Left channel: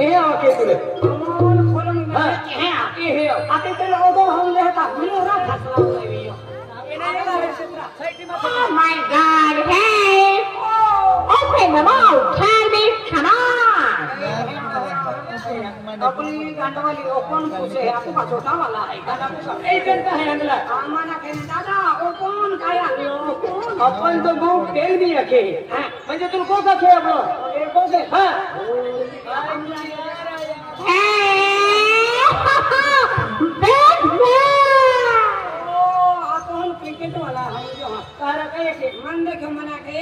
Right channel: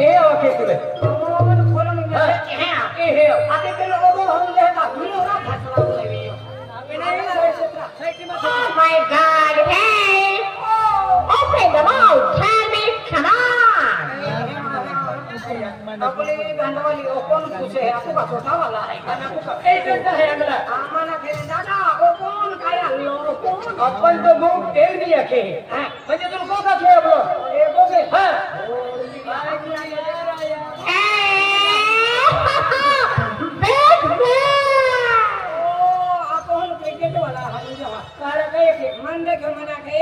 ए okay तुले कौन खोलो में है ए आते तेरे लोगों हम लेता मेरा फसला हो गई हो Oh my God! Hey! Open the mouth! Tell me, come on! अपनी गांडवाली ओपन पूछे आपको का छोटा वाला है गाना को ए करता है अगला आमाना कहने दादा ओपन काय आणलो ओपन अपन तो गो तेल भी रखे म्हणजे तू को का खे ब्रो ए को से हां क्रिकेट वाला है जो तारा कहे के मन देखो मना के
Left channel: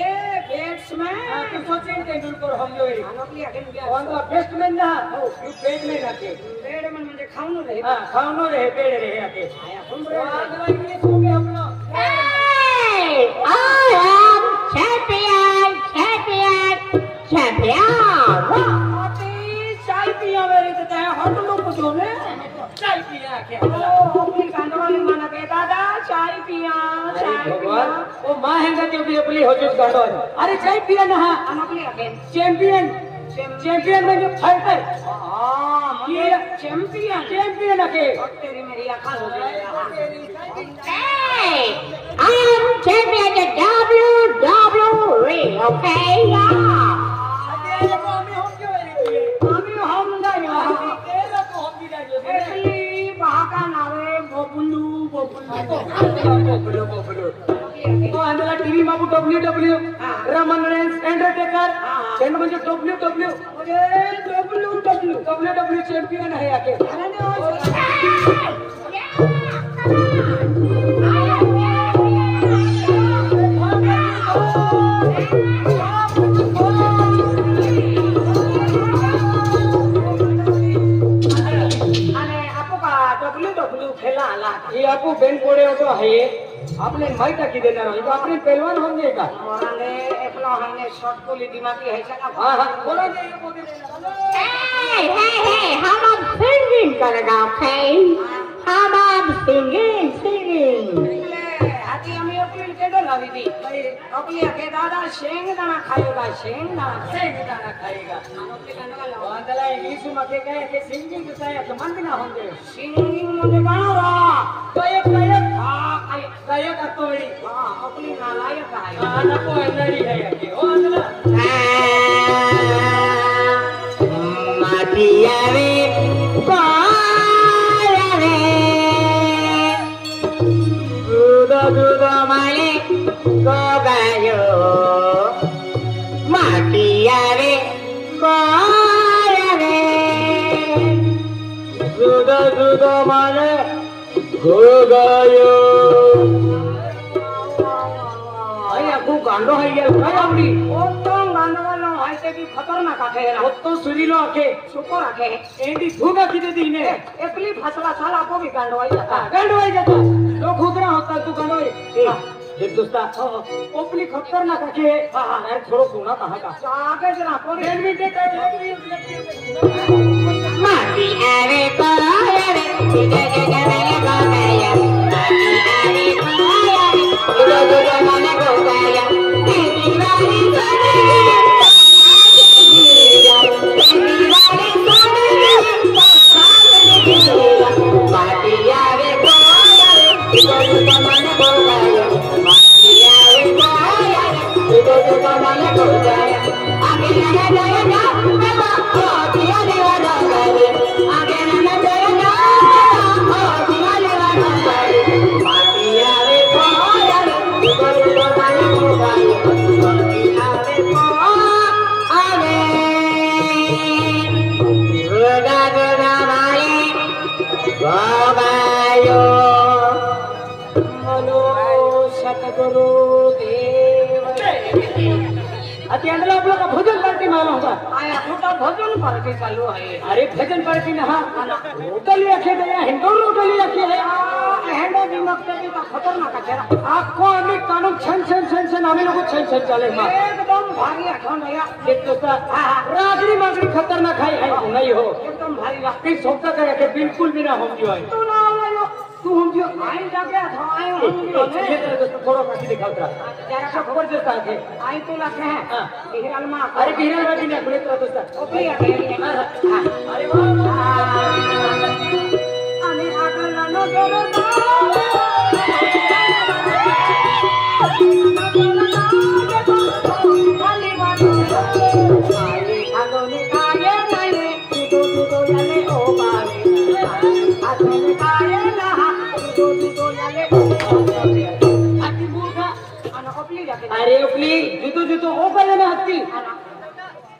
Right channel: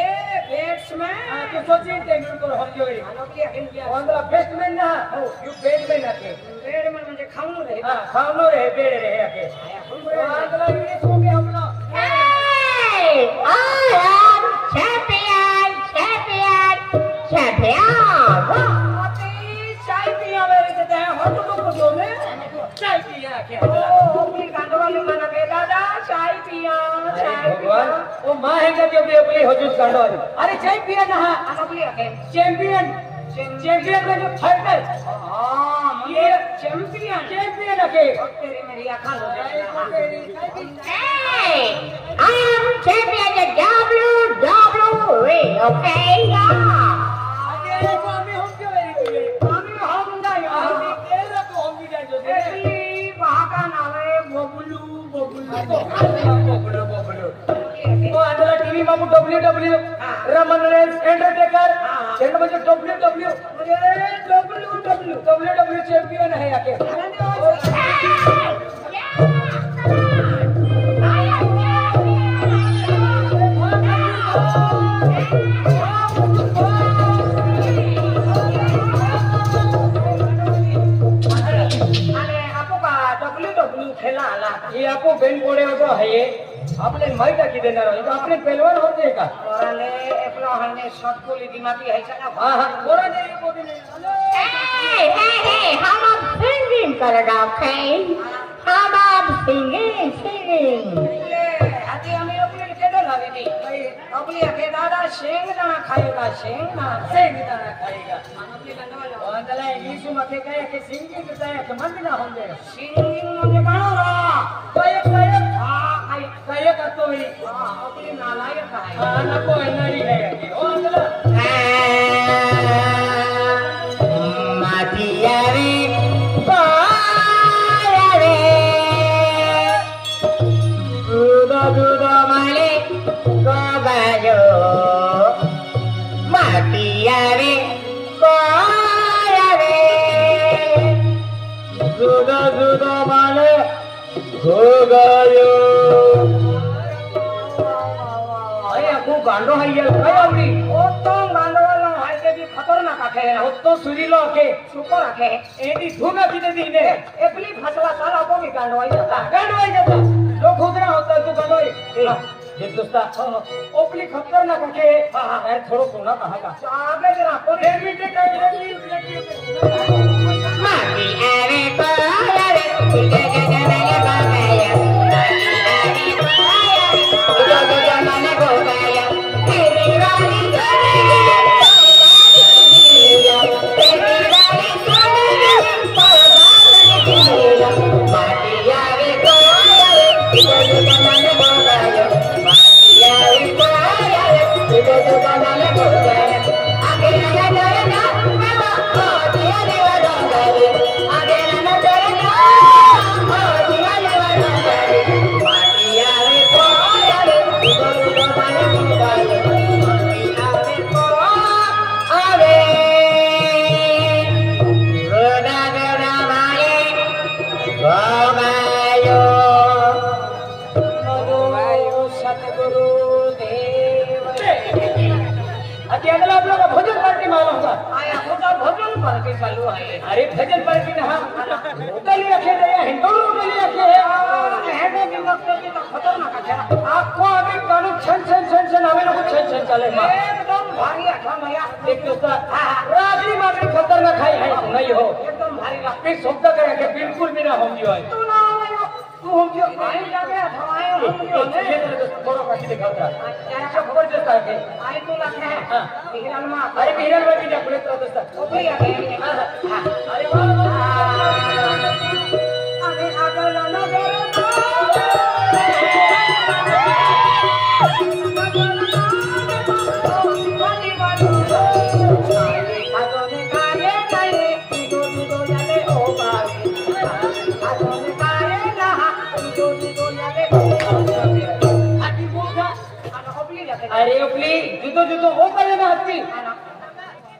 बैट्समैन तो सचिन तेंडुलकर हम जो है लोकली अखिन क्या वंदला बेस्टमैन ना हो यू बैटमैन आके बैट्समैन म्हणजे खाऊन रहे हां खाऊनो रहे पेड़ रहे आके वंदला इंग्लिश को के हम लोग Hey! I am champion! Champion! Champion! चाय पिया मेरे कहते हैं हट लो कुछ हो रे चाय पिया के अगला अपनी गांडवाली माना के दादा चाय पिया भगवान वो मां है जो बेपली हो जो गाड़ो अरे चाय पिया ना हां अनकली अके चैंपियन में जो फाइटर हां ये चैंपियन आके तेरी मेरी आंखें हो गई Hey, I am champion at WWE, okay? अरे को हमें हम क्यों वेरी हम ना यार तेरा तो हम भी जान जो एक्चुअली वहां का नाम है बबलू बोबलो वो अंदर टीवी में WWE रमन रेंस अंडरटेकर चैन में जो WWE अरे WWE चैंपियन है आके ये आपको बेन पड़े हो तो है ये आपने माइटा की देना रही तो आपने पहलवान हो गए का औरने एकला हने शॉट को ली दिमागी है चला हां कोरा ने ये बोले hello Hey, how about singing, करेगा, okay? How about singing? हाथी हमें अपने केडो लावी थी अपनी अके दादा शेंग दाना खाएगा खाएगा अपने करने वाला अंदला इंग्लिश में के कहे के सिंगिंग करता है तो मन भी ना होंगे सिंगिंग म्हणजे गाणं रा गायक असतो वेळी अपनी नालायक आहे हां नको नाही है आके ओ अंदला माटियारे पारारे दुदो माले गोगायो माटियारे पारारे जुदा माने हो गयो अरे आपको गांडो है यार काय आवडी ओतो गांडवाला आहे ते भी खतरनाक आहे ओतो सुरीलो के सुपर आहे एडी धुना किती दिने एकली फसवा साला आपण भी गांडवाई जाता गांडवाई जाता तो खुदरा होता तू गांडवाई एक दोस्ता ओपली खतरनाक के अरे थोडो सोना कहां का आगे जरा पर एक मिनट माटियारे पारारे दुदो माले गोगायो माटियारे पारारे दुदो माले गोगायो तेरी चालू आहे अरे भजन पार्टी ना हां रोकली आखे दया हिंदू रोकली आखे हेडो दिमाग पे तो खतरनाक आहे आपको अभी कानू छन हमें लोग छन चले मां एकदम भारी आठवण भैया एक दोस्ता रागड़ी मागड़ी खतरनाक है नहीं हो एकदम भारी आपके सोचा करे के बिल्कुल भी ना हम जो है तू ना तू हम जो आई जाके आए हम जो ये तरह थोड़ा काटी दिखाता जरा सब जबरदस्त आके आई तो लखे हैं हां हिरन मां अरे बिरल बाटी ना बोले तो दोस्ता ओपरी आके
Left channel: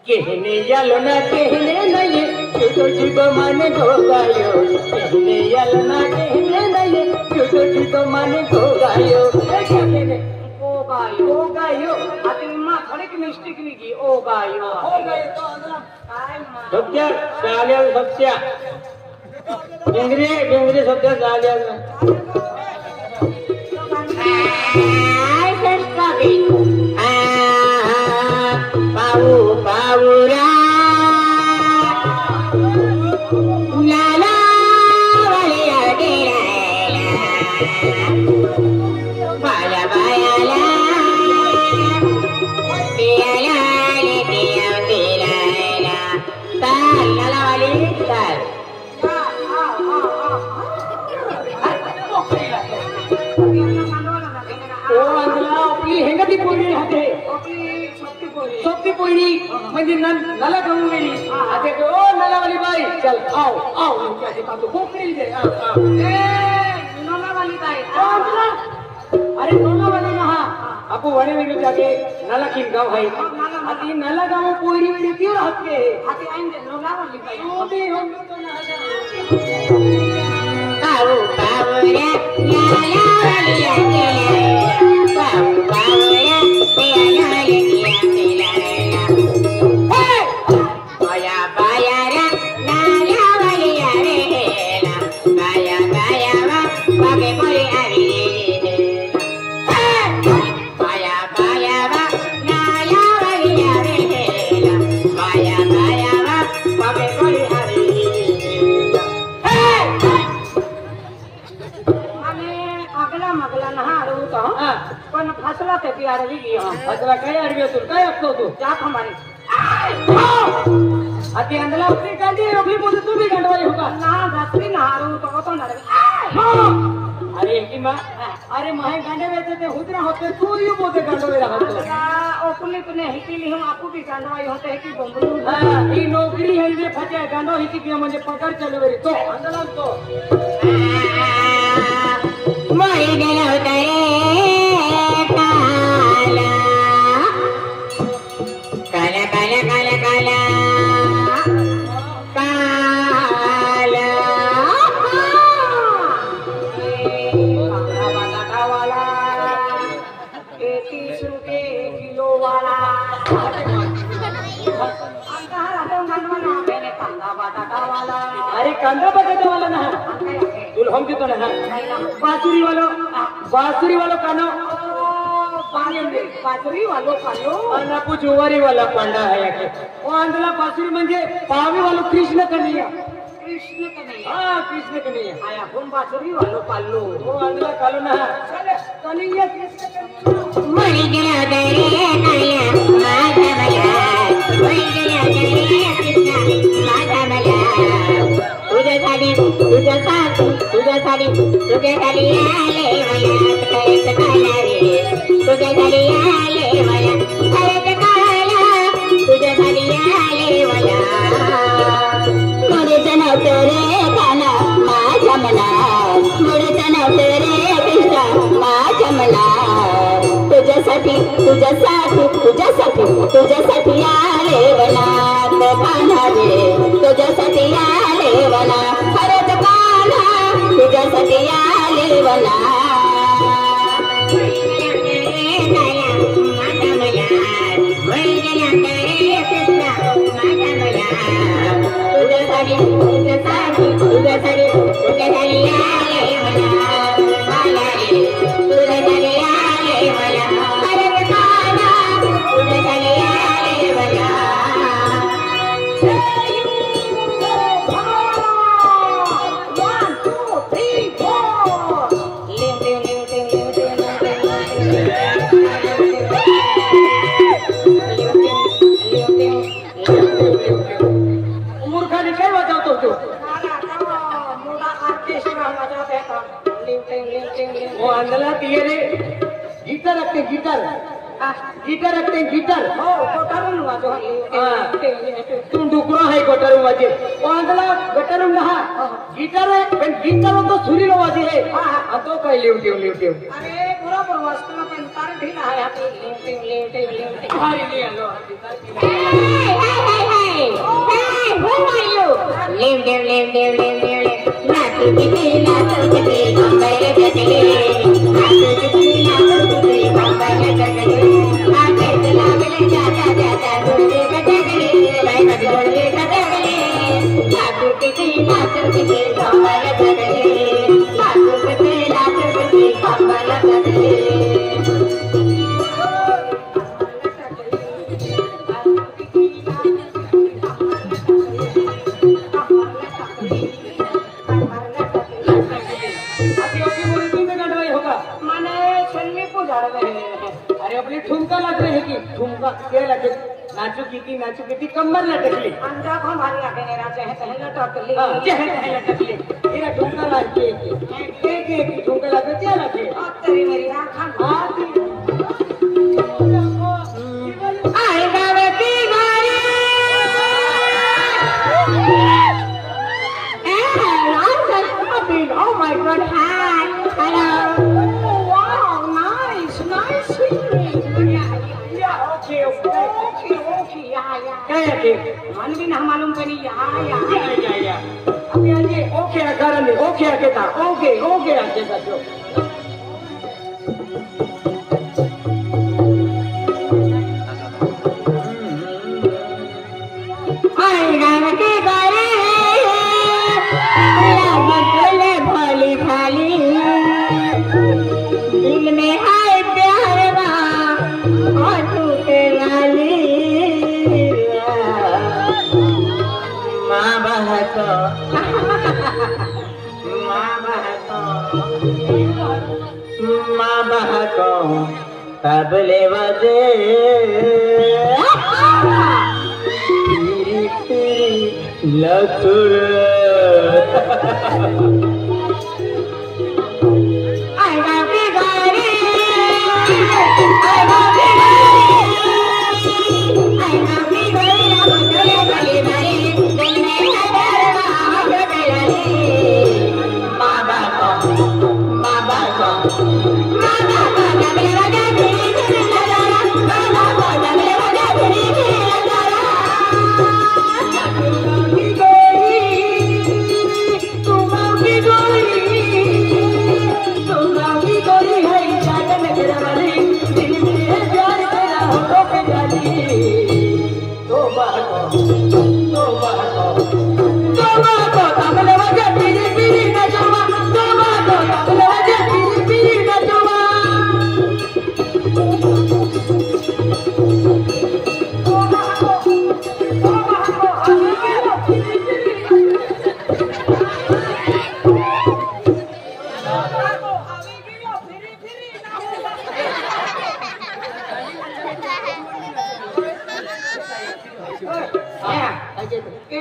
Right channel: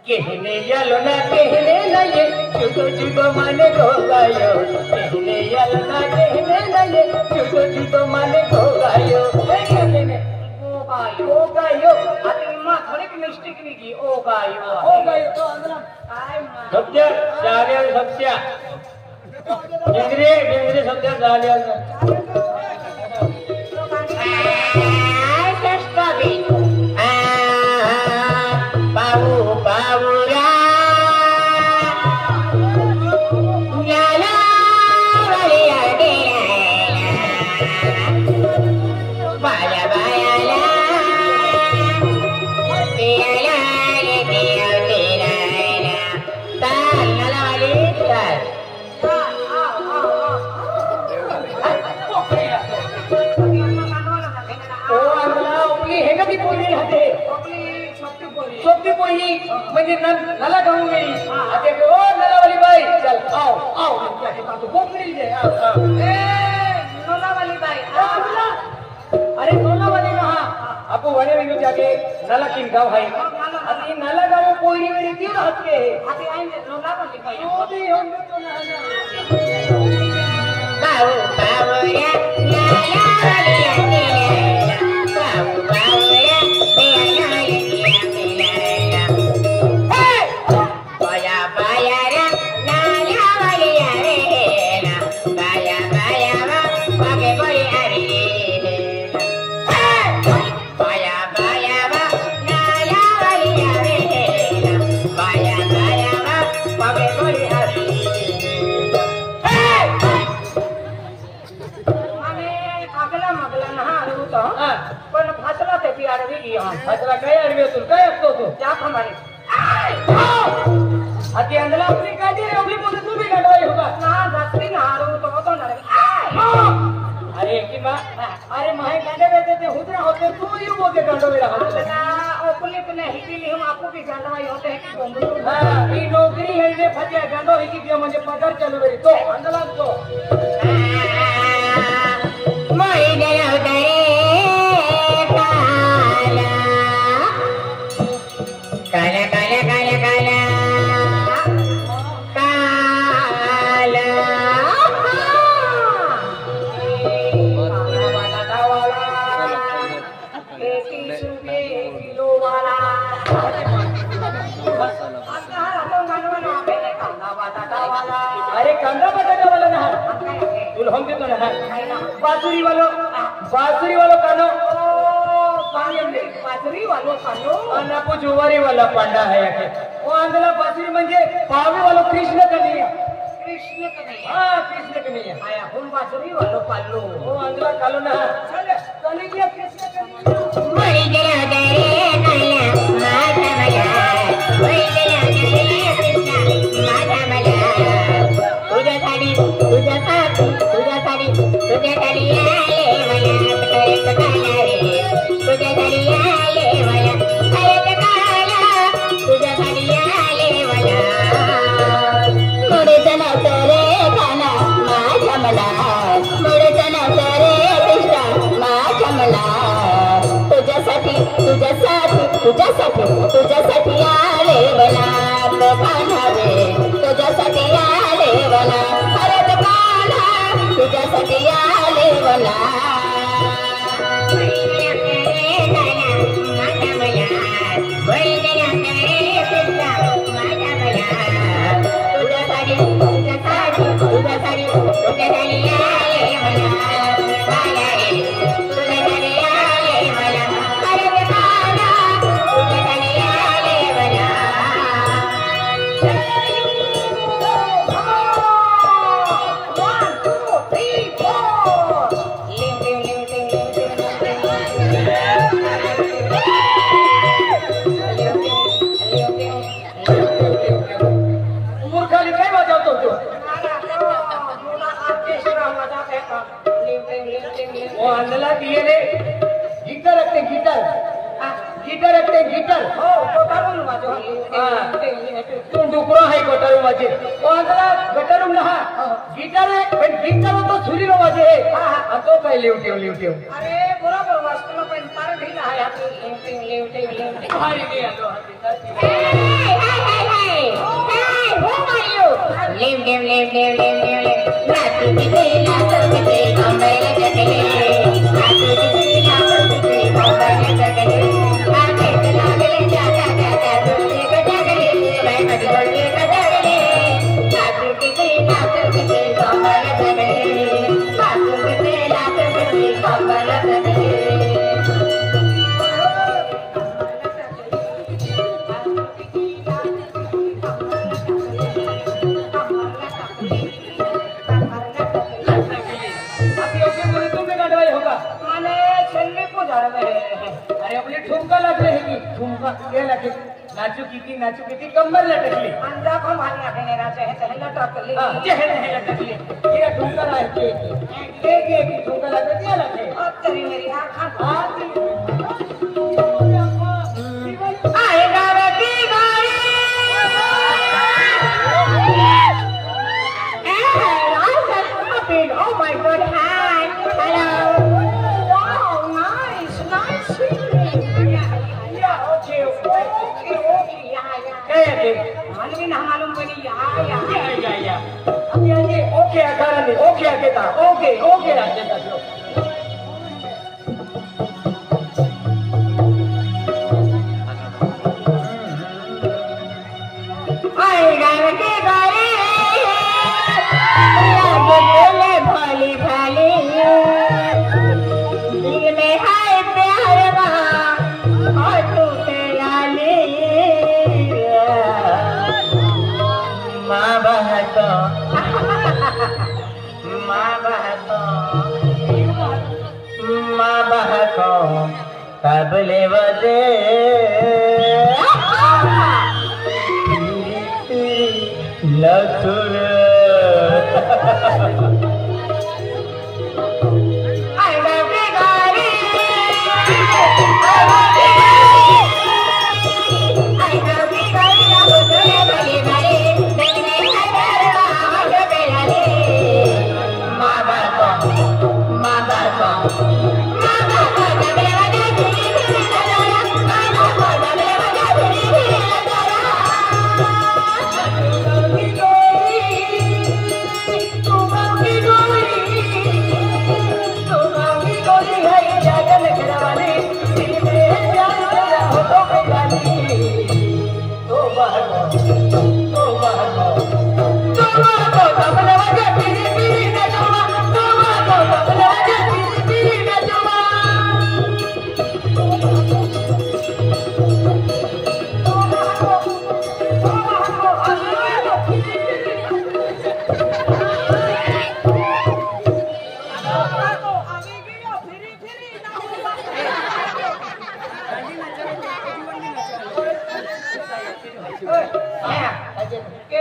कहने यालो ना कहने ना ये छुटो छुटो माने गो गायो कहने यालो ना कहने ना ये छुटो छुटो माने गो गायो कहने ओ गायो आता इम्मा थोडी मिस्टेक निघी ओ गायो तो अंदला काय मा सत्य चालेल सत्या डिंगरे सत्य चालेल म्हणजे नला करून गेली आता ओ नलावाली बाई चल आओ आओ कोकरी दे नोलावाली बाई अरे नोलावाली ना आपको वणे वेगळे जागे नला किन गाव आहे आती नला गाव कोयरी वेरी क्यों राहत के आता आईने नोलावाली बाई ओ भी हम लोग तो ना बाऊ बाऊया नलावाली बाऊ बाऊया आती अंदला अपनी कांडी रे उगली बोलते तू भी गंडवाई होगा ना धसली ना हारू तो ना अरे की मा अरे माहे गांडे बेचे ते हुदरा होते तू यू बोलते गंडवाई रहा तो ओपली पने हिकीली हम आपको भी गंडवाई होते है कि गोंगरू हां ई नौकरी है वे फटे गंडो हिकी दिया म्हणजे पगार चालू वेरी तो अंदला तो मोई दे होते काला काला काला काला अरे कांदा बटाटा वाला ना तुल हम देतो ना बासुरी वालो कानो बाजरी वालो कानो आणि पु जुवारी वाला पांडा है के वो अंदला बासुरी म्हणजे पावे वालो कृष्ण कन्हैया कृष्ण कन्हैया हां कृष्ण कन्हैया आया हम बाजरी वालो कालो वो अंदला कालो ना चले कन्हैया कृष्ण मोई दे होते काला माता मया मोई दे होते कृष्ण माता मया तुझ्यासाठी आले मला परत काला रे तुझ्यासाठी आले मला परत काला तुझ्यासाठी आले मला मुडत नव्हतं रे काना माझ्या मला मुडत नव्हतं रे कृष्ण माझ्या मला तुझ्यासाठी आले मला काना रे तुझ्यासाठी आले मला परत काना तुझ्यासाठी आले मला मूर्खाली काय वाजवतो तो वो अंदला दिए रे गिटार रखते गिटार तू डुकरो है गटारू माझे वो अंदला गटारू ना गिटार आहे पण गिटार तो सुरी वाजे है आणि तो काय लिवटिव अरे बरोबर वाचतो पण तार ढीला आहे हाती लिवटिंग भारी नाही आलो हाती नाचू किती कमर लटकली अंडा को भारी आके नेरा चाहे लटकली चेहरे लटकली तेरा ठुमका लागे एक ठुमका लागे क्या लागे अब तेरी मेरी हां खान आई गावे की गाड़ी oh my god hi hello wow nice singing yeah okay क्या है मन भी ना मालूम पड़ी या अभी आगे ओके अगर नहीं ओके आगे था ओके रास्ते का जो आई गावे की गाड़ी चले भली भली दिल में है प्यार का हाथों पे लाली माँ बहतो तबले बजे लतुर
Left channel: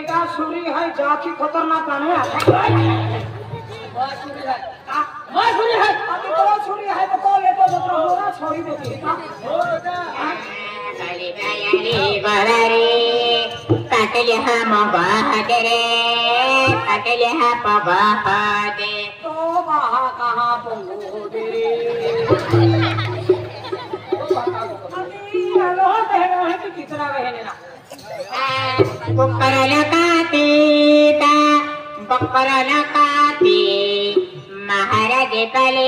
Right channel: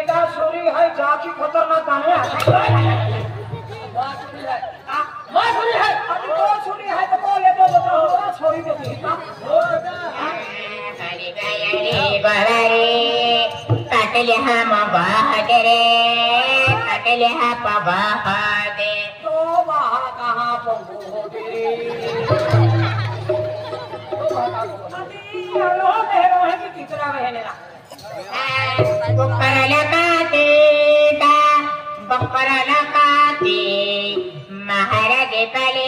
बेटा सूरी है जाकी खतरनाक गाने माँ सुनी है अभी तो सूरी है तो कौन लेता तो होना छोड़ी देती है हो बेटा खाली बायाली बारी पाटले हा मगाहते रे पाटले हा पवाहते तो वहाँ कहाँ पहुँच तेरे अभी आलो है कि कितना बहने ना बकरला काती महाराज पले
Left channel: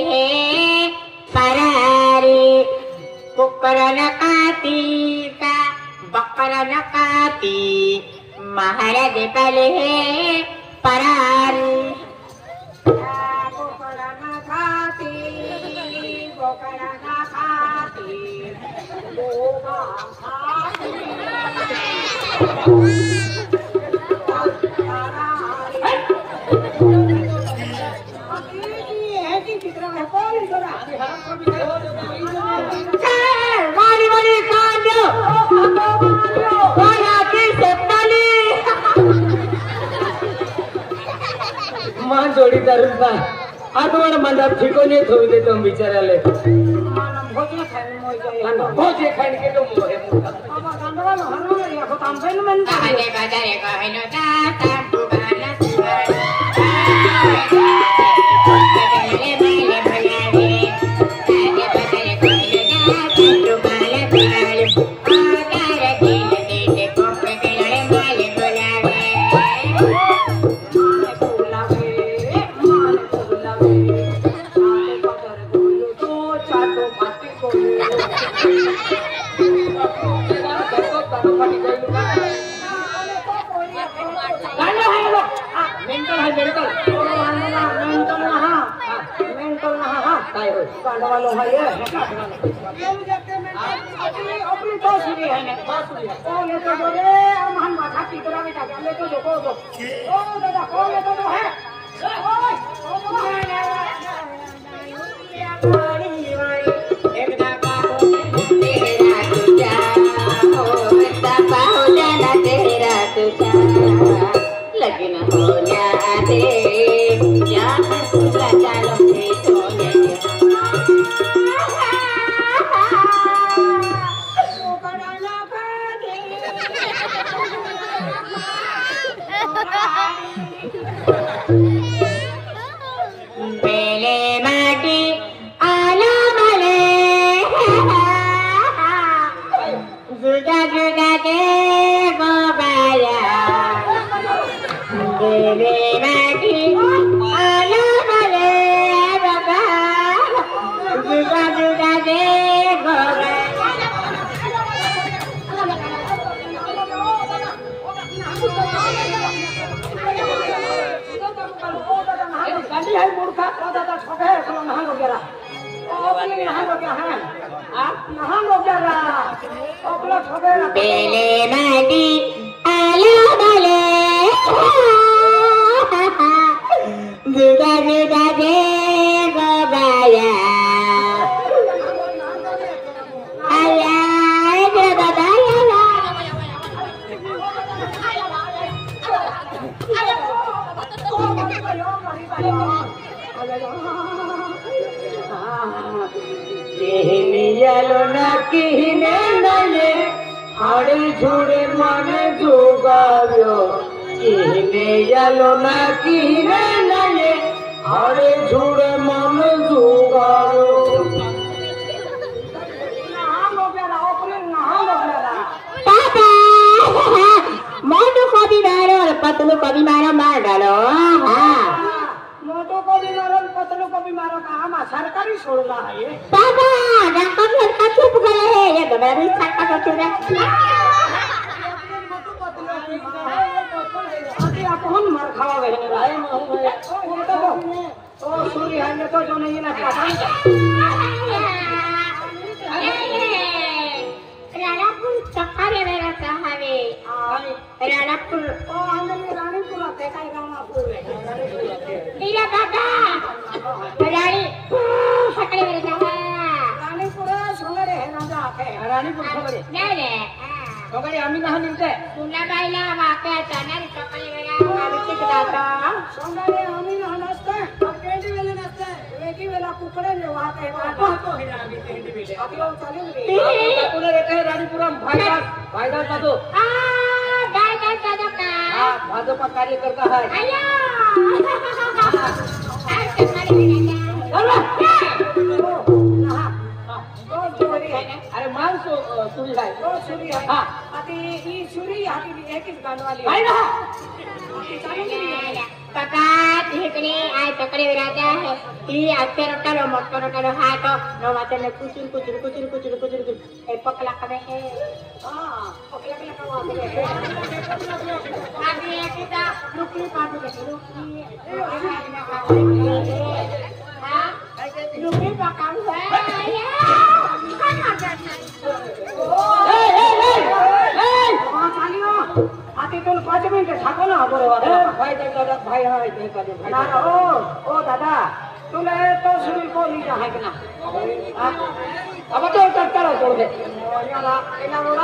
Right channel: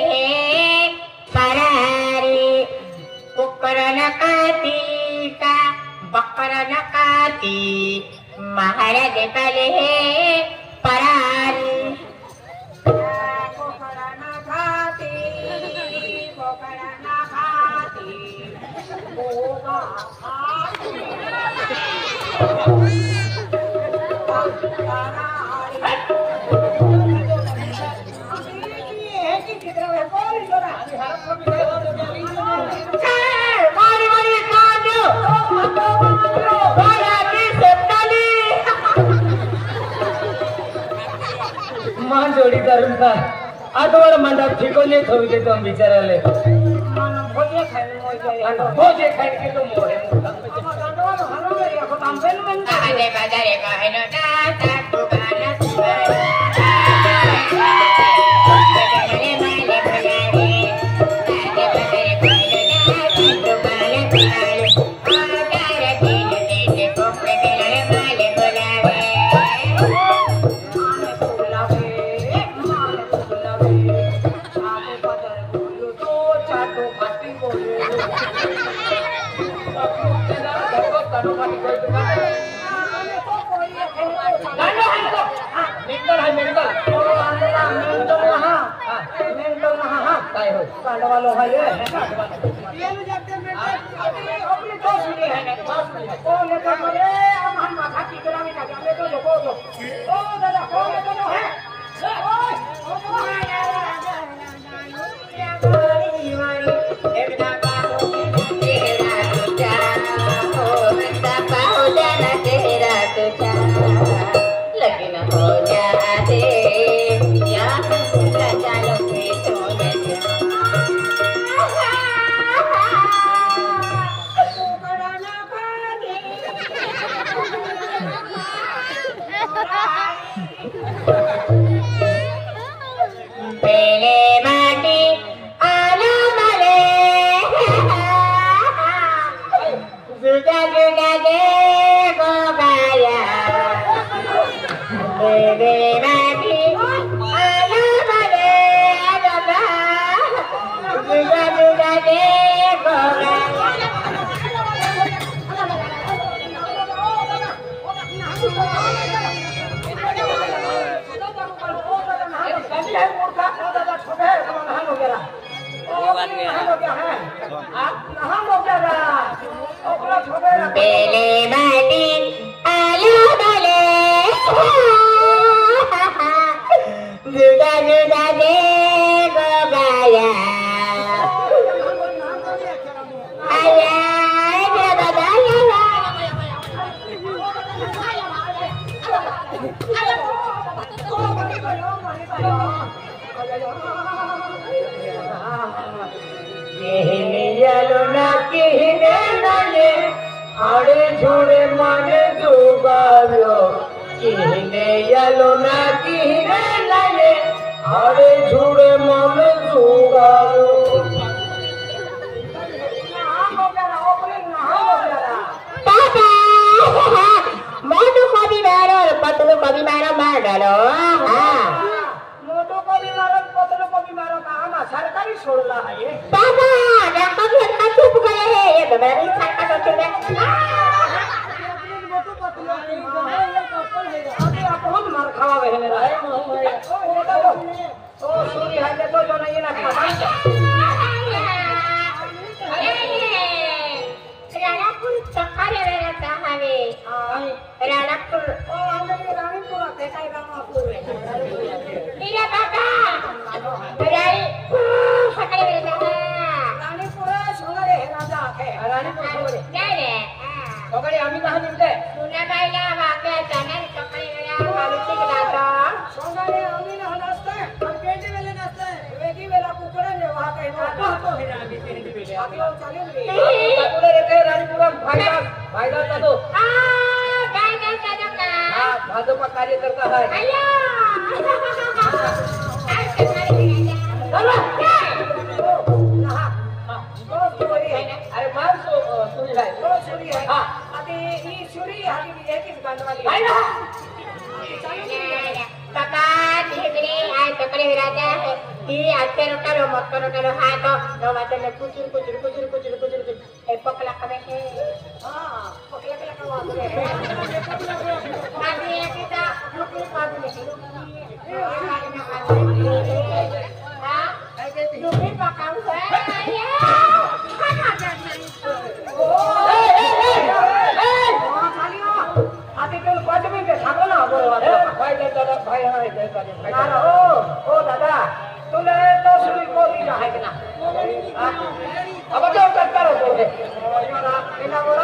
परारी बकरला काती महाराज पले परारी बोकड़ा ना खाती बोका खाती माँ जोड़ी करून का आठवड मंडप ठिकोले ठेवू दे तुम विचाराले भोजे खाने के तुम मोरे बाजारे बाजारे कहलो दाता कुबाला सुबाला गाणं आहे ना? मेंटल आहे मेंटल काय होय लगन हो जाते या चालो के सोने बेले माटी आलो मले जुदा जुदा दे गोबाया बेले माटी आलो मले बाबा जुदा जुदा दे गोबाया बेले माटी आलो मले जुदा जुदा दे गोबाया आया केहनियालो ना केहने नाये आड़े छोड़े माने जोगाव्यो केहनियालो ना केहने नाये आड़े छोड़े माने जोगाव्यो मोटू को भी मारो और पतलू को भी मारो मार डालो मोटो को भी मारो पतलो को भी मारो कहाँ सरकारी सोलना है ये पापा डॉक्टर का चुप गए हैं ये तो मैं भी सरकार को चुप है मोटो पतलो अरे आप कौन मार खावा बहने रहा है ओ सूरी है ये तो जो नहीं ना राणापूर सकाळी वेळाचा हवे राणापूर ओ आंधळी राणीपुर आहे काय राणापूर आहे तिला काका राणी सकाळी वेळाचा राणीपुर सोंगडे हे राजा आहे राणीपुर सोंगडे नाही रे सोगडे आम्ही कहाँ मिलते पुन्हा बाईला वाक्या जाणार सकाळी वेळा मारुती जाता सोंगडे आम्ही ना नसते और पेंडी वेले नसते वेगी वेला कुकडे ने वहां काय आता होतो हे आम्ही पेंडी बेले आपला चालू रे पुढे रहते हैं रानीपुरम भाईदार का तो आ काय करता तो का हाँ भाजपा कार्यकर्ता है आया आज तुम्हारी अरे मान सुनी है ओ सुरी आहे हाँ आता ही सुरी हाती एकच गांडवाली आहे ना चालू रे काका तिकडे आज सकाळी वेळाचा आहे ती आजच्या रोटालो मोठा रोटालो हा तो रवाच्याने कुचूर कुचूर कुचूर कुचूर कुचूर ए पकला का हे हां पकला पकला का वापरे आधी एकदा कुचूर काढू देते लोकी हा काय काय लोकी पकाम होय हा माझा नाही चाली हो आधी तुम्ही 5 मिनिटे थांबा ना भाई हाँ है भाई ओ दादा तुला तो सुरी को ली आहे का ना अब तो करता रहो बोले एका बोला